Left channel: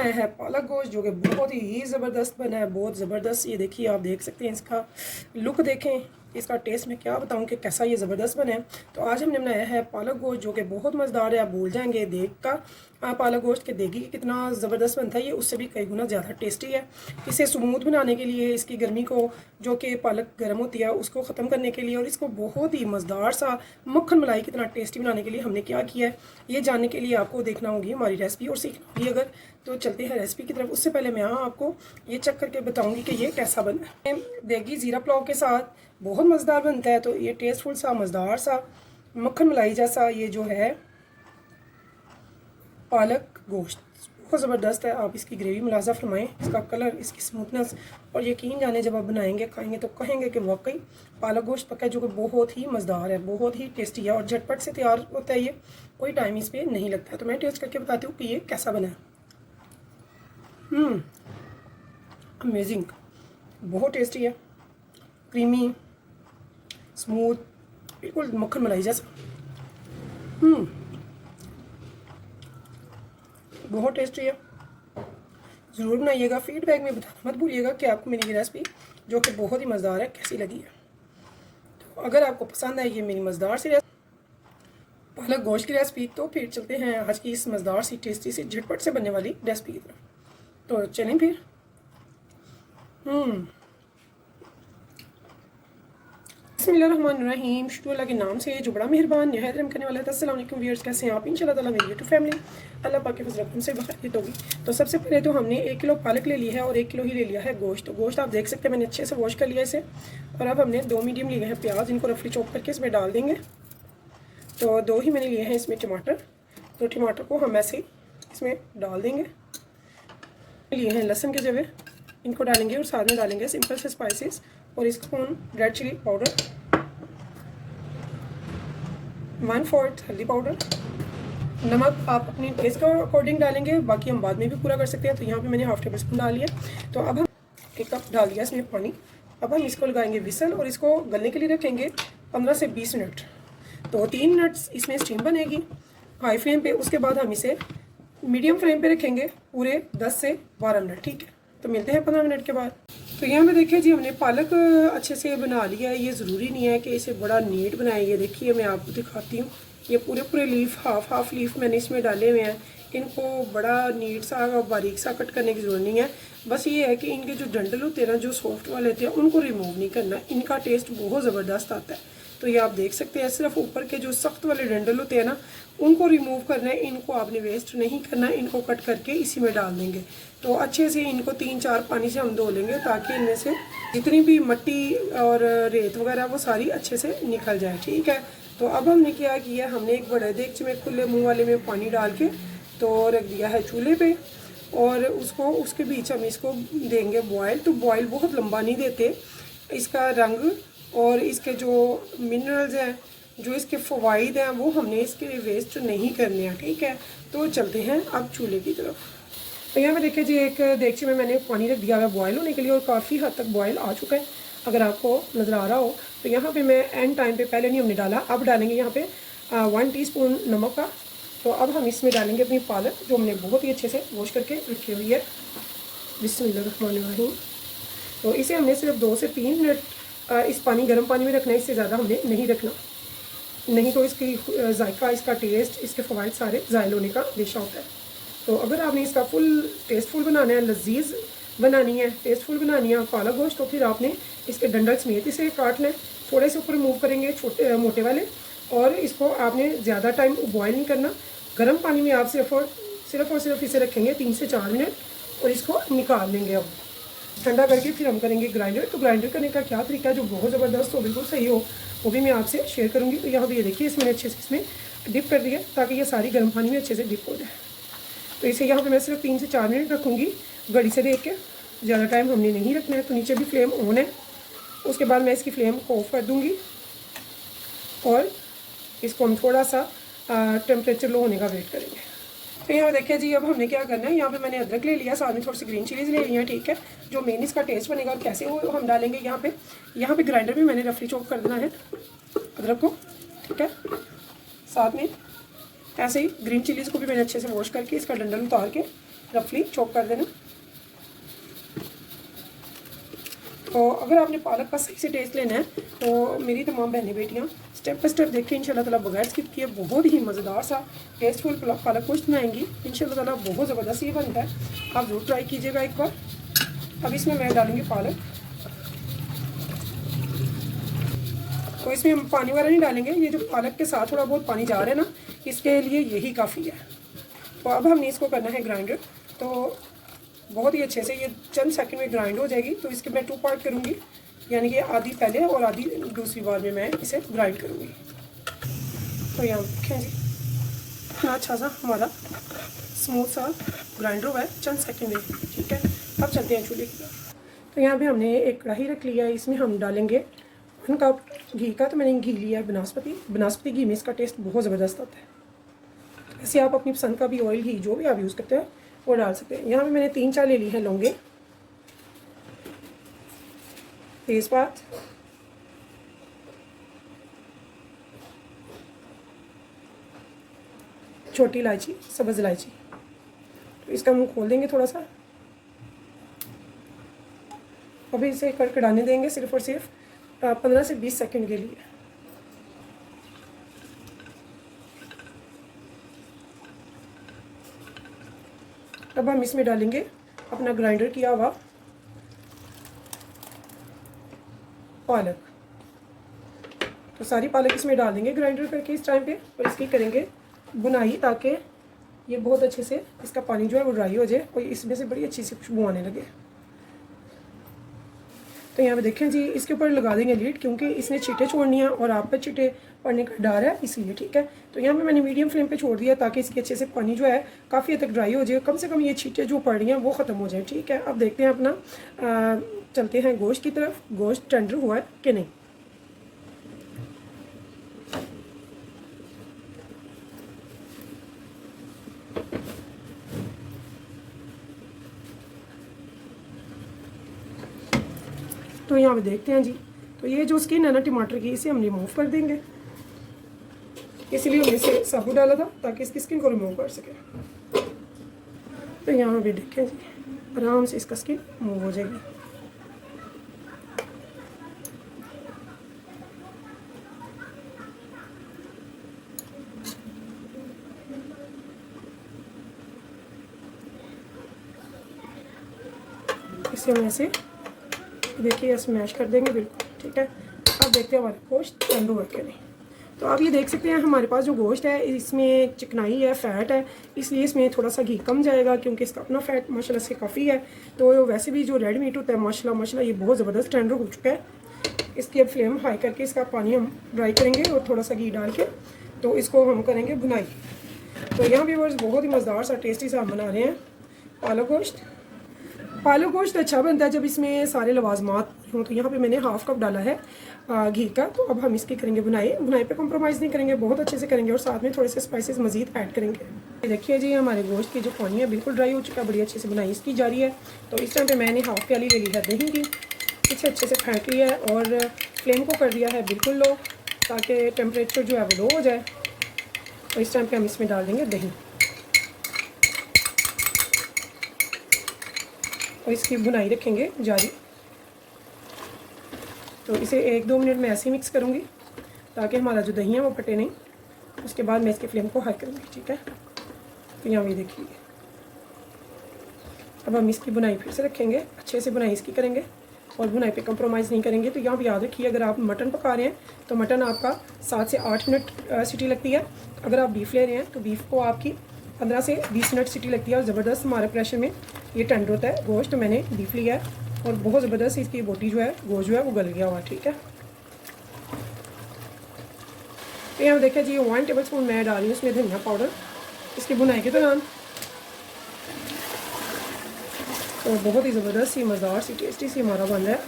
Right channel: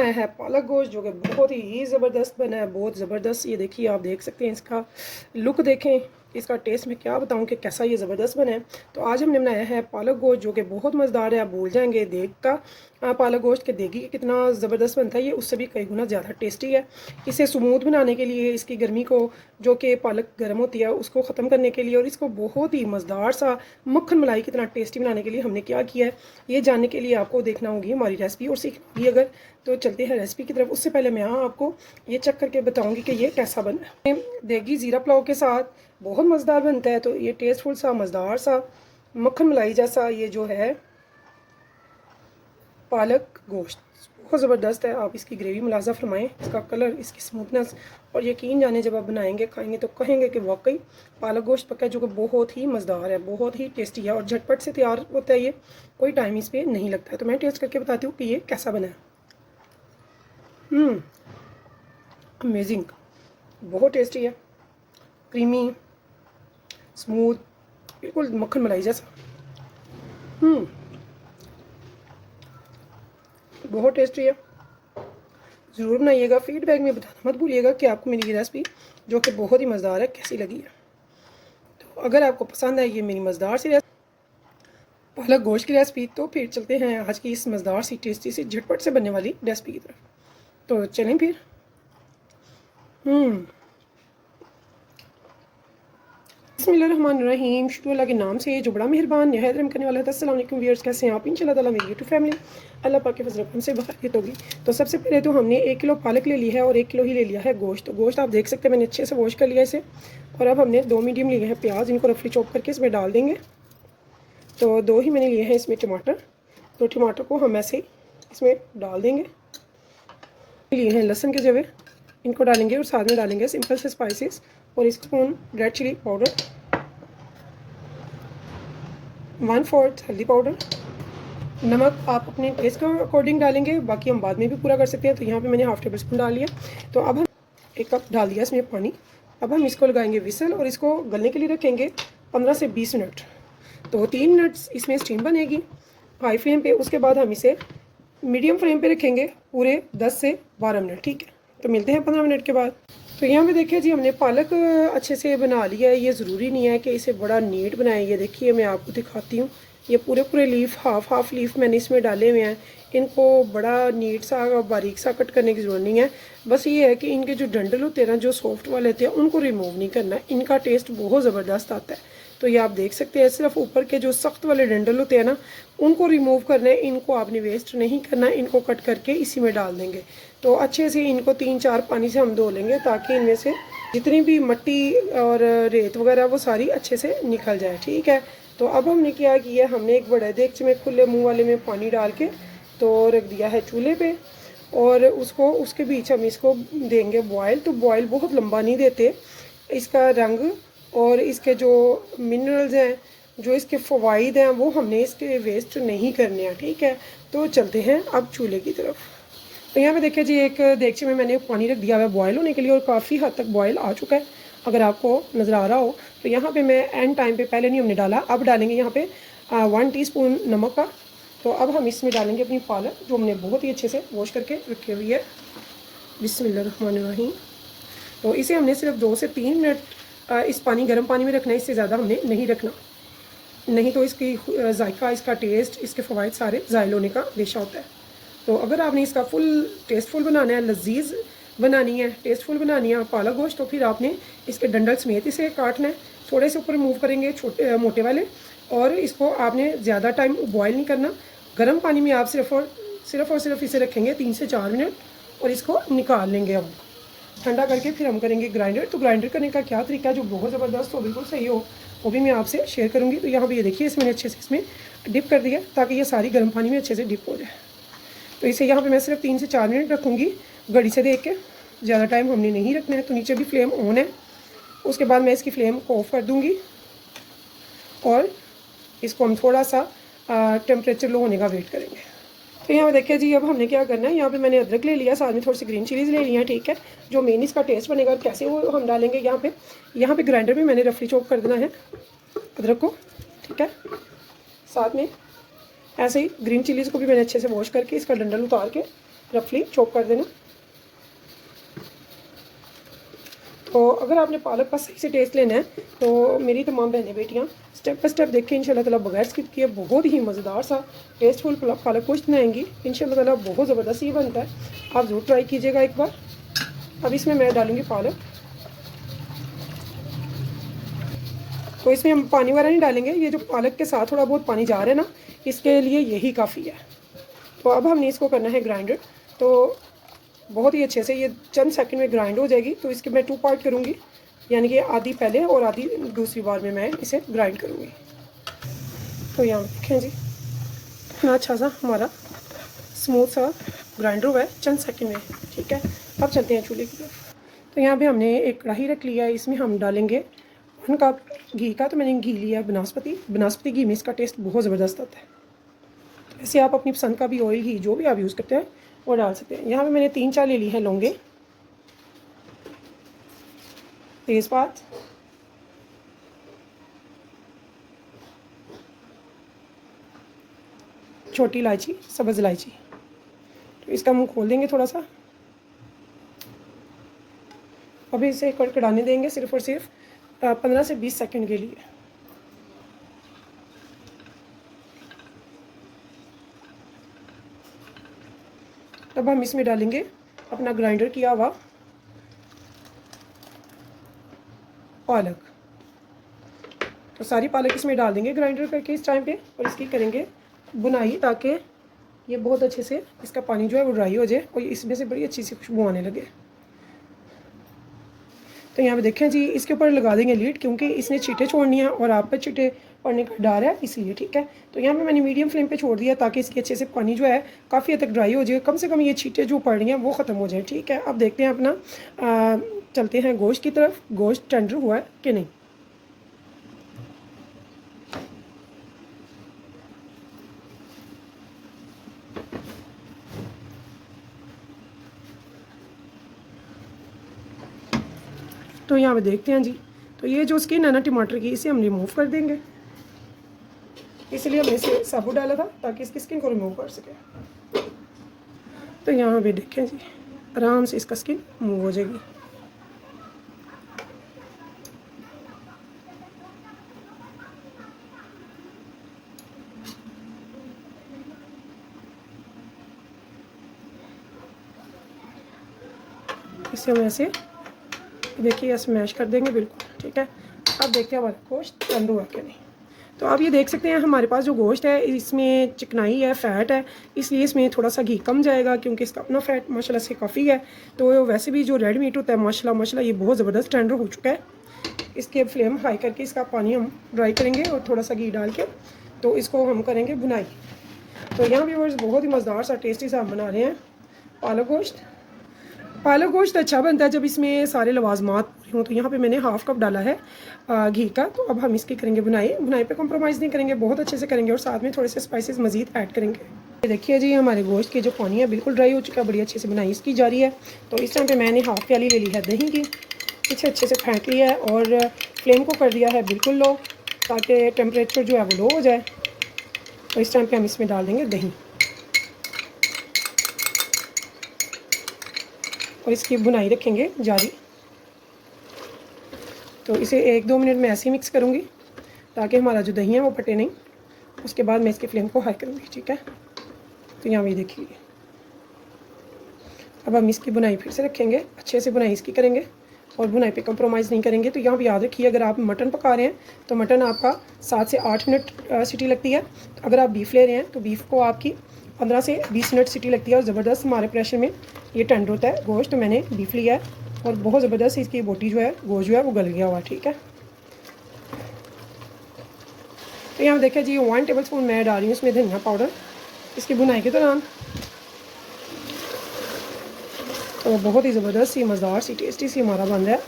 बनाया है पालक गोश्त, जो कि बहुत ही ज़बरदस्त बना है, बहुत ज़बरदस्त। ये देखिए, आप देख सकते हैं, इसका लुक देखें, इसका टेस्ट मैं क्या बताऊं कि कैसा ये ज़बरदस्त बना है। तो आज हमने बनाया है पालक गोश्त, जो कि बहुत मज़ेदार है। आप भूल जाएंगे देख का पालक गोश्त के देगी कितना ज़बरदस्त बनता है। ये उससे भी कई गुना ज़्यादा टेस्टी है। इसे स्मूथ बनाने के लिए, इसकी गर्मी को, जो कि पालक गर्म होती है, उसको ख़त्म करने के लिए, और इसको बहुत ही मज़ेदार सा मक्खन मलाई कितना टेस्टी बनाने के लिए हमने क्या किया है, ये जानने के लिए आपको देखना होगी हमारी रेसिपी और सीखना होगी अगर। तो चलते हैं रेसिपी की तरफ। उससे पहले मैं आपको ये चेक करके बताऊंगी कि ये कैसा बना है। देगी ज़ीरा पुलाव के साथ बहुत मज़ेदार बनता है। तो ये टेस्टफुल सा, मज़ेदार सा, मक्खन मलाई जैसा ये जो है पालक गोश्त बहुत ज़बरदस्त है। आप इसकी ग्रेवी मुलाजा फरमाएं, इसका कलर, इसकी स्मूथनेस, और यकीन जाने जब आप बनाएंगे खाएंगे तो कहेंगे कि वाकई पालक गोश्त पका है, जो कि बहुत ही मज़ेदार है, बहुत ही टेस्टी है और झटपट से तैयार होता है। ये कोई टाइम इस पर नहीं लगता है। तो मैं टेस्ट करके बताती हूँ कि ये कैसा बना है। अमेजिंग, बहुत टेस्टी है, क्रीमी, स्मूथ, बिल्कुल मक्खन मलाई जैसा। बहुत टेस्टी है। ज़रूर बनाइएगा, फीडबैक में बताना मत भूलिएगा कि आपको मेरी ये रेसिपी, जो कि बहुत ही मज़ेदार है, कैसी लगी है। तो अगर आपको पसंद है ये मेरी मज़ेदार सी पालक गोश्त की रेसिपी, तो फिर चलते हैं आज की इस मज़ेदार सी, टेस्टी सी, झटपट से बनने वाली रेसिपी की तरफ। तो चलें फिर। बिस्मिल्लाहिर्रहमानिर्रहीम, शुरू अल्लाह के नाम से जो बड़ा मेहरबान निहायत रहम करने वाला है। अस्सलाम वालेकुम व्यूअर्स, कैसे हैं आप? इंशाल्लाह ताला मेरी यूट्यूब फैमिली अल्लाह पाक के फजल करम से बखैरियत होगी। तो सबसे पहले तो हमने 1 किलो पालक ले ली है और 1 किलो ही ले लिया है गोश्त। तो गोश्त आप देख सकते हैं मैंने अच्छे से वॉश कर लिया इसे। और अब हमने 2 मीडियम लिए हैं प्याज, इनको रफली चॉप करके इसमें डाल देंगे। तो 2 ही मैंने लिए हैं इसमें टमाटर, तो टमाटर को हम ऐसे इसमें डाल देंगे। लिए हैं लहसुन के जवे, इनको डालेंगे और साथ में डालेंगे सिंपल से स्पाइसेस और 1 स्पून रेड चिली पाउडर, 1/4 हल्दी पाउडर, नमक आप अपने टेस्ट के अकॉर्डिंग डालेंगे, बाकी हम बाद में भी पूरा कर सकते हैं। तो यहाँ पे मैंने हाफ टेबल स्पून डाल लिया। तो अब हम 1 कप डाल दिया इसमें पानी। अब हम इसको लगाएंगे विसल और इसको गलने के लिए रखेंगे 15 से 20 मिनट। तो 3 मिनट इसमें स्टीम बनेगी हाई फ्लेम पे। उसके बाद हम इसे मीडियम फ्लेम पे रखेंगे पूरे 10 से 12 मिनट, ठीक है। तो मिलते हैं 15 मिनट के बाद। तो यहाँ पे देखिए जी, हमने पालक अच्छे से बना लिया है। ये ज़रूरी नहीं है कि इसे बड़ा नीट बनाएं। ये देखिए मैं आपको दिखाती हूँ, ये पूरे पूरे लीफ, हाफ लीफ मैंने इसमें डाले हुए हैं। इनको बड़ा नीट सा बारीक सा कट करने की ज़रूरत नहीं है। बस ये है कि इनके जो डंडल होते हैं ना, जो सॉफ्ट वाले होते हैं, उनको रिमूव नहीं करना। इनका टेस्ट बहुत ज़बरदस्त आता है। तो ये आप देख सकते हैं, सिर्फ ऊपर के जो सख्त वाले डंडल होते हैं ना, उनको रिमूव करना है। इनको आपने वेस्ट नहीं करना, इनको कट करके इसी में डाल देंगे। तो अच्छे से इनको 3-4 पानी से हम धो लेंगे, ताकि इनमें से जितनी भी मिट्टी और रेत वगैरह वो सारी अच्छे से निकल जाए, ठीक है। तो अब हमने क्या किया, हमने एक बड़ा देगचे में खुले मुंह वाले में पानी डाल के तो रख दिया है चूल्हे पे, और उसके बीच हम इसको देंगे बॉयल। तो बॉयल बहुत लंबा नहीं देते। इसका रंग और इसके जो मिनरल्स हैं, जो इसके फ़वाइद हैं, वो हमने इसके वेस्ट नहीं करने हैं, ठीक है। तो चलते हैं अब चूल्हे की तरफ। तो यहाँ पे देखिए जी, एक देगचे में मैंने पानी रख दिया है बॉयल होने के लिए, और काफ़ी हद तक बॉयल आ चुका है, अगर आपको नज़र आ रहा हो। तो यहाँ पे मैं एंड टाइम पे, पहले नहीं हमने डाला, अब डालेंगे यहाँ पे 1 टीस्पून नमक का। तो अब हम इसमें डालेंगे अपनी पालक, जो हमने बहुत ही अच्छे से वॉश करके रखी हुई है। बिस्मिल्लाहिर्रहमानिर्रहीम। तो इसे हमने सिर्फ 2 से 3 मिनट इस गर्म पानी में रखना है, इससे ज़्यादा हमने नहीं रखना, नहीं तो इसकी जायका, इसका टेस्ट, इसके फ़वाइद सारे ज़ायल होने का अंदेशा होता है। तो अगर आपने इसका फुल टेस्टफुल बनाना है, लजीज बनानी है, टेस्टफुल बनानी है पालक गोश्त, तो फिर आपने इसके डंडल समेत इसे काटना है। थोड़े से ऊपर रिमूव करेंगे छोटे मोटे वाले, और इसको आपने ज़्यादा टाइम बॉयल नहीं करना। गर्म पानी में आप सिर्फ और सिर्फ इसे रखेंगे 3 से 4 मिनट, और इसको निकाल लेंगे। अब ठंडा करके फिर हम करेंगे ग्राइंडर। तो ग्राइंडर करने का क्या तरीका है जो बहुत ज़बरदस्त हो, बिल्कुल सही हो, वो भी मैं आपसे शेयर करूँगी। तो यहाँ पर ये देखिए, इसमें अच्छे से इसमें डिप कर दिया, ताकि ये सारी गर्म पानी में अच्छे से डिप हो जाए। तो इसे यहाँ पे मैं सिर्फ 3 से 4 मिनट रखूँगी घड़ी से देख के, ज़्यादा टाइम हमने नहीं रखना है। तो नीचे भी फ्लेम ऑन है। उसके बाद मैं इसकी फ्लेम को ऑफ कर दूँगी, और इसको हम थोड़ा सा टेम्परेचर लो होने का वेट करेंगे। तो यहाँ देखिए जी, अब हमने क्या करना है, यहाँ पे मैंने अदरक ले लिया, साथ में थोड़ी सी ग्रीन चिलीज़ ले ली है, ठीक है। जो मेन इसका टेस्ट बनेगा और कैसे वो हम डालेंगे यहाँ पे ग्राइंडर में मैंने रफली चॉप कर देना है अदरक को, ठीक है। साथ में ऐसे ही ग्रीन चिलीज़ को भी मैंने अच्छे से वॉश करके इसका डंडल उतार के रफली चॉप कर देना। तो अगर आपने पालक का सही से टेस्ट लेना है तो मेरी तमाम बहनें बेटियां स्टेप बाय स्टेप देखें, इंशाल्लाह ताला बगैर स्किप किए बहुत ही मज़ेदार सा टेस्टफुल पालक गोश्त बनाएंगी इंशाल्लाह ताला। बहुत ज़बरदस्त ये बनता है, आप ज़रूर ट्राई कीजिएगा एक बार। अब इसमें मैं डालूँगी पालक, तो इसमें हम पानी वगैरह नहीं डालेंगे, ये जो पालक के साथ थोड़ा बहुत पानी जा रहा है ना, इसके लिए यही काफ़ी है। तो अब हमने इसको करना है ग्राइंडर, तो बहुत ही अच्छे से ये चंद सेकंड में ग्राइंड हो जाएगी। तो इसके मैं 2 पार्ट करूँगी, यानी कि आधी पहले और आधी दूसरी बार में मैं इसे ग्राइंड करूँगी। तो यहाँ देखें जी इतना अच्छा सा हमारा स्मूथ सा ग्राइंडर हुआ है चंद सेकंड में, ठीक है। अब चलते हैं चूल्हे की तरफ। तो यहाँ पे हमने एक कढ़ाई रख लिया है, इसमें हम डालेंगे 1 कप घी का। तो मैंने घी लिया है बनास्पति घी में इसका टेस्ट बहुत ज़बरदस्त आता है। ऐसे आप अपनी पसंद का भी ऑयल घी जो भी आप यूज़ करते हैं वो डाल सकते हैं। यहाँ पे मैंने 3-4 ले ली हैं लौंगे, तेज़पात, छोटी इलायची, सब्ज़ इलायची। तो इसका मुंह खोल देंगे थोड़ा सा, अभी इसे कड़कड़ाने देंगे सिर्फ और सिर्फ 15 से 20 सेकंड के लिए। अब हम इसमें डालेंगे अपना ग्राइंडर किया हुआ पालक। तो सारी पालक इसमें डाल देंगे ग्राइंडर करके इस टाइम पे, और इसकी करेंगे बुनाई ताकि ये बहुत अच्छे से इसका पानी जो है वो ड्राई हो जाए और इसमें से बड़ी अच्छी सी खुशबू आने लगे। तो यहाँ पे देखें जी, इसके ऊपर लगा देंगे लीड, क्योंकि इसने छींटे छोड़नी है और आप पे छींटे पड़ने का डर है इसलिए, ठीक है। तो यहाँ पे मैंने मीडियम फ्लेम पे छोड़ दिया ताकि इसकी अच्छे से पानी जो है काफ़ी हद तक ड्राई हो जाए, कम से कम ये छींटे जो पड़ रही हैं वो ख़त्म हो जाए, ठीक है। अब देखते हैं अपना चलते हैं गोश्त की तरफ, गोश्त टेंडर हुआ है कि नहीं। तो यहाँ पे देखते हैं जी, तो ये जो स्किन है ना टमाटर की, इसे हम रिमूव कर देंगे, इसलिए हमने इसे साबुत डाला था ताकि इसकी स्किन को रिमूव कर सके। तो यहाँ भी देखें जी, आराम से इसका स्किन रिमूव हो जाएगी। इसे हम ऐसे देखिए स्मैश कर देंगे बिल्कुल, ठीक है। अब देखते हैं हमारा गोश्त ठंडा हुआ कि नहीं। तो आप ये देख सकते हैं हमारे पास जो गोश्त है इसमें चिकनाई है, फ़ैट है, इसलिए इसमें थोड़ा सा घी कम जाएगा क्योंकि इसका अपना फ़ैट माशाल्लाह से काफ़ी है। तो वैसे भी जो रेड मीट होता है माशाल्लाह ये बहुत ज़बरदस्त टेंडर हो चुका है। इसकी अब फ्लेम हाई करके इसका पानी हम ड्राई करेंगे और थोड़ा सा घी डाल के तो इसको हम करेंगे बुनाई। तो यहाँ भी बहुत ही मज़ेदार सा टेस्टी सा हम बना रहे हैं पालक गोश्त। पालक गोश्त अच्छा बनता है जब इसमें सारे लवाजमात हों। तो यहाँ पे मैंने 1/2 कप डाला है घी का। तो अब हम इसकी करेंगे बुनाई पे कॉम्प्रोमाइज़ नहीं करेंगे, बहुत अच्छे से करेंगे और साथ में थोड़े से स्पाइसेस मज़ीद ऐड करेंगे। ये देखिए जी, हमारे गोश्त की जो पानी है बिल्कुल ड्राई हो चुका है, बड़ी अच्छे से बुनाई इसकी जा रही है। तो इस टाइम पे मैंने 1/2 प्याली ले ली है दही की, इसे अच्छे से फेंट लिया है और फ्लेम को कर दिया है बिल्कुल लो ताकि टेम्परेचर जो है वो लो हो जाए। तो इस टाइम पर हम इसमें डाल देंगे दही और इसकी बुनाई रखेंगे जारी। तो इसे 1-2 मिनट में ऐसे ही मिक्स करूँगी ताकि हमारा जो दही है वो फटे नहीं। उसके बाद मैं इसके फ्लेम को हाई करूँगी, ठीक है। तो यहाँ ये देखिए, अब हम इसकी बुनाई फिर से रखेंगे, अच्छे से बुनाई इसकी करेंगे और बुनाई पे कंप्रोमाइज़ नहीं करेंगे। तो यहाँ भी याद रखिए, अगर आप मटन पका रहे हैं तो मटन आपका 7 से 8 मिनट सीटी लगती है। अगर आप बीफ ले रहे हैं तो बीफ को आपकी 15 से 20 मिनट सीटी लगती है और ज़बरदस्त हमारे प्रेशर में ये टेंडर होता है गोश्त। मैंने बीफ लिया है और बहुत ज़बरदस्त इसकी बोटी जो है गोश्त जो है वो गल गया हुआ, ठीक है। तो यहाँ देखिए जी, 1 टेबलस्पून मैं डाल रही हूँ इसमें धनिया पाउडर इसकी बुनाई के दौरान। तो बहुत ही ज़बरदस्त सी मज़ेदार सी टेस्टी सी हमारा बन रहा है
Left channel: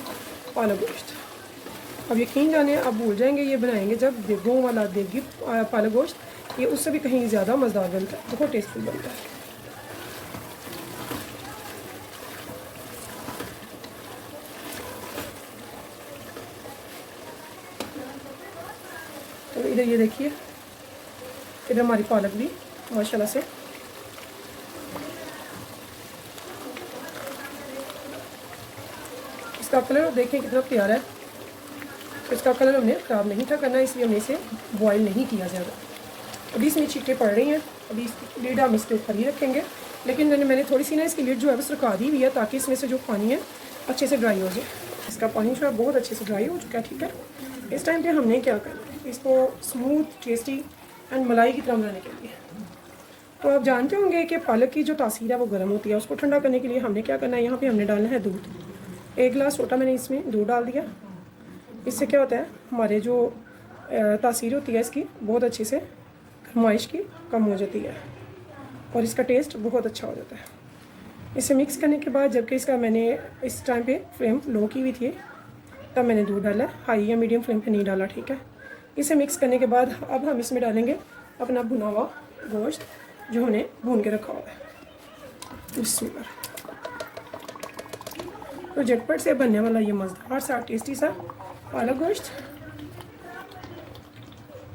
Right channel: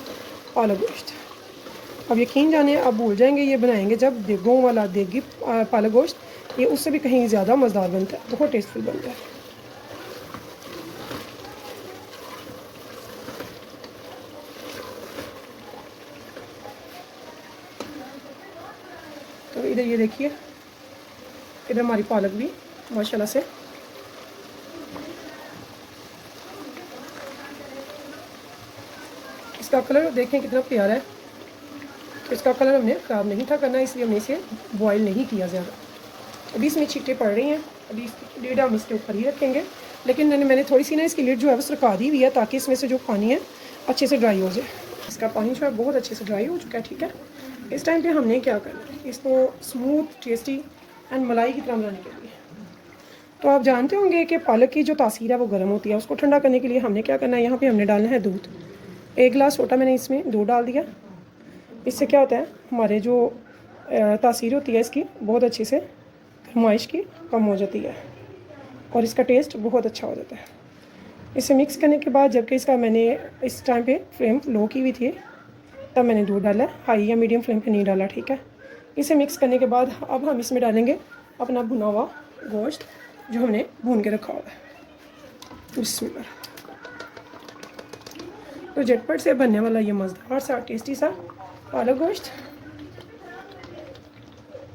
पालक गोश्त। अब यकीन जानिए आप भूल जाएंगे ये बनाएंगे जब देगों वाला देगी पालक गोश्त, ये उससे भी कहीं ज़्यादा मज़ेदार बनता है, बहुत टेस्टफुल बनता है। तो इधर ये देखिए, इधर हमारी पालक भी माशाल्लाह से इसका कलर देखें कितना प्यारा है। तो इसका कलर हमने ख़राब नहीं था करना, इसलिए हमने इसे बॉयल नहीं किया ज़्यादा। अभी इसमें छींटे पड़ रही हैं, अभी इसकी लिड हम इसके ऊपर ही रखेंगे, लेकिन मैंने थोड़ी सी ना इसकी लिड जो है वो सुखा दी हुई है ताकि इसमें से जो पानी है अच्छे से ड्राई हो जाए। इसका पानी जो है बहुत अच्छे से ड्राई हो चुका है, ठीक है। इस टाइम पे हमने क्या करना है, इसको स्मूथ टेस्टी एंड मलाई की तरह बनाने के लिए, तो आप जानते होंगे कि पालक की जो तासीर है वो गर्म होती है, उसको ठंडा करने के लिए हमने क्या करना है, यहाँ पे हमने डालना है दूध। 1 गिलास छोटा मैंने इसमें दूध डाल दिया। इससे क्या होता है, हमारे जो तासीर होती है इसकी बहुत अच्छे से गरमाइश की कम हो जाती है और इसका टेस्ट बहुत अच्छा हो जाता है। इसे मिक्स करने के बाद, जबकि इसका मैंने इस टाइम पे फ्लेम लो की हुई थी तब मैंने दूध डाला, हाई या मीडियम फ्लेम पे नहीं डाला, ठीक है। इसे मिक्स करने के बाद अब हम इसमें डालेंगे अपना भुना हुआ गोश्त जो हमने भून के रखा हुआ है। बिस्मिल्लाह। तो झटपट से बनने वाला ये मज़ेदार सा टेस्टी सा पालक गोश्त।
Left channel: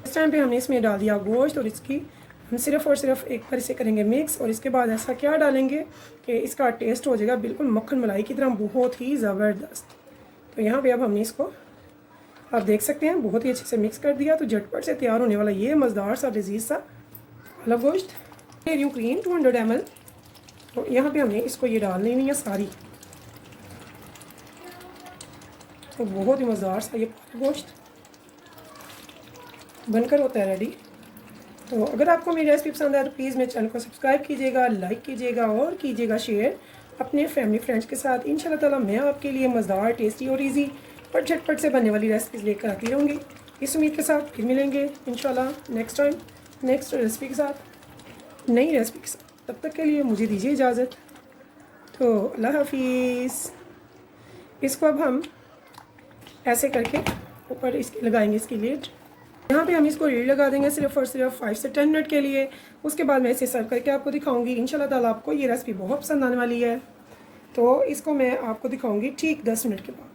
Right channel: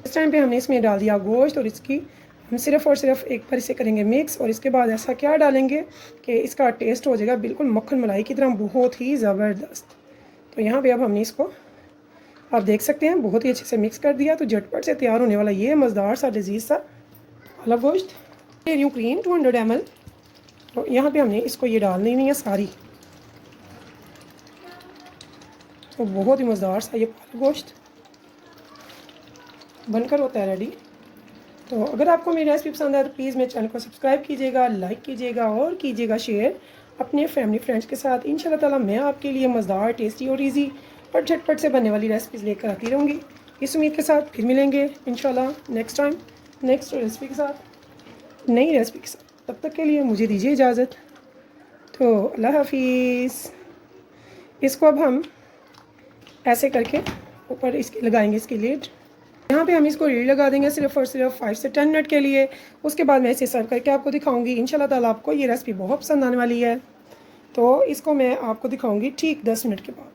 इस टाइम पे हमने इसमें डाल दिया गोश्त और इसकी हम सिर्फ़ और सिर्फ एक बार इसे करेंगे मिक्स, और इसके बाद ऐसा क्या डालेंगे कि इसका टेस्ट हो जाएगा बिल्कुल मक्खन मलाई की तरह, बहुत ही ज़बरदस्त। तो यहाँ पे अब हमने इसको आप देख सकते हैं बहुत ही अच्छे से मिक्स कर दिया। तो झटपट से तैयार होने वाला ये मज़ेदार सा लजीज सा पालक गोश्त। New cream 200 ml। तो यहाँ पे हमने इसको ये डालनी हुई है सारी। तो बहुत ही मज़ेदार सा ये पालक गोश्त बनकर होता है रेडी। तो अगर आपको मेरी रेसिपी पसंद है तो प्लीज़ मेरे चैनल को सब्सक्राइब कीजिएगा, लाइक कीजिएगा और कीजिएगा शेयर अपने फैमिली फ्रेंड्स के साथ। इंशाल्लाह ताला मैं आपके लिए मज़ेदार, टेस्टी और ईजी और झटपट से बनने वाली रेसिपीज़ लेकर आती रहूँगी। इस उम्मीद के साथ फिर मिलेंगे इंशाल्लाह नेक्स्ट टाइम नेक्स्ट रेसिपी के साथ, नई रेसिपी के साथ। तब तक के लिए मुझे दीजिए इजाज़त। तो अल्लाह हाफिज़। इसको अब हम ऐसे करके ऊपर इसकी लगाएंगे इसकी लिड। यहाँ पे हम इसको लीड लगा देंगे सिर्फ और सिर्फ 5 से 10 मिनट के लिए। उसके बाद मैं इसे सर्व करके आपको दिखाऊंगी। इंशाल्लाह ताला आपको ये रेसिपी बहुत पसंद आने वाली है। तो इसको मैं आपको दिखाऊंगी ठीक 10 मिनट के बाद।